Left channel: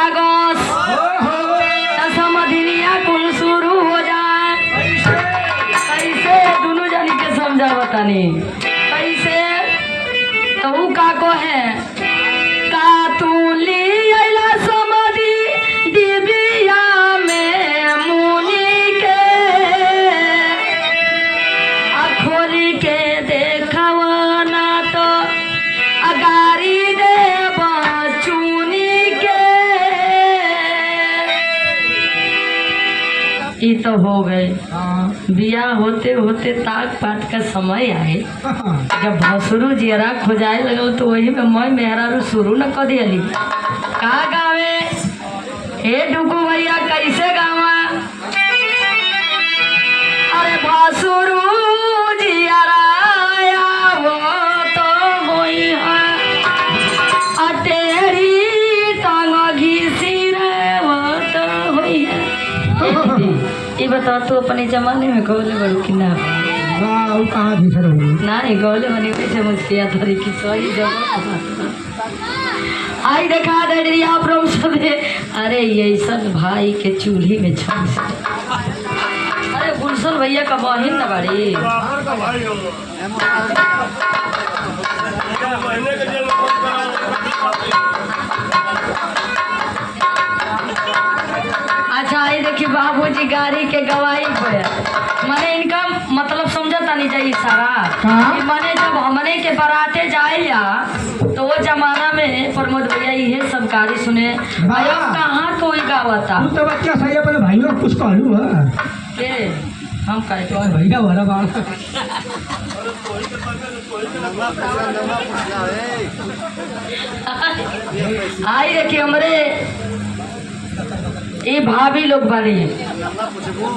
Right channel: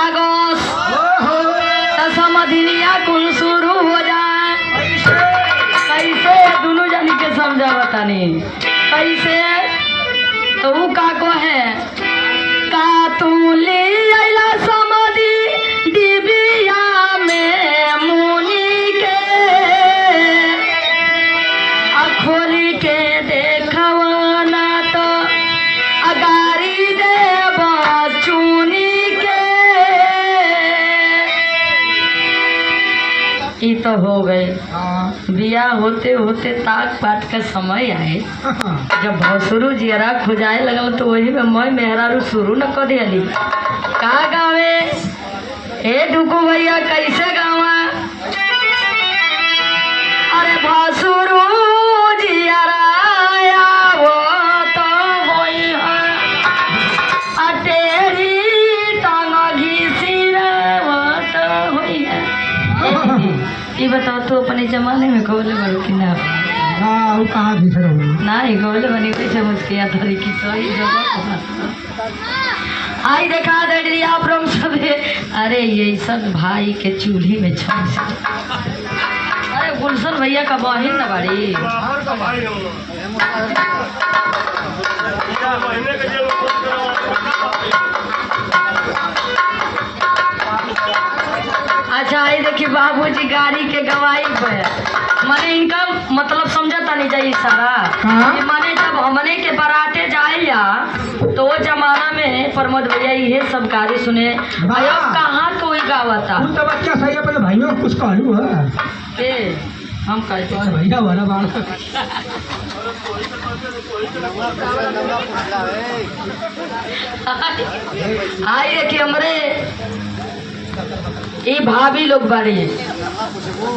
लागस समधिनिया कुल शुरू हो जाए। कैसे दोनों जानी के समझा बतानी कैसे तो का को है का तू ली आइला समधि दिबिया में मुनि के खोली के देखवना तो अगारी दे बचुनी के। ई तो हो गए बिया होते होते ताक पात का समय आए जब भसुरु जियरा खोजाए लगल तो वही में मैं मेहरारू शुरू न कर दियली का गावे हे डुकू भैया कैसे गावा अरे भसुरु जियरा आवो तो होई है तेरी तंग घिसिरवत होई है। ये बता तो अपने जमाने में गौले बड़ो कि ना कहाँ भीतर हो नहीं गौले बनी कैसे मुझकिया थोड़ी की सही जगह आई देखा दे आप लोग सब अरे ये सब भाई के चूल्ही में छन अरे गुलशन भैया का बहिन ना बड़ी अच्छा आई देखिए बाबूजी गाड़ी के गवाही पे माने इनका मतलब समझता नहीं चाहिए सारा कि माने जब हमने के बराते जाइया तो वो जमाना में प्रमोद भैया ये सब गाड़ी सुने भाइयों कहाँ कोई गावता तो बच्चा सही अपने भाइयों को कुछ कहलू है के हम कहते और भैया बड़ा बात आई देखिए हमरे ये भाभी लोग बारी है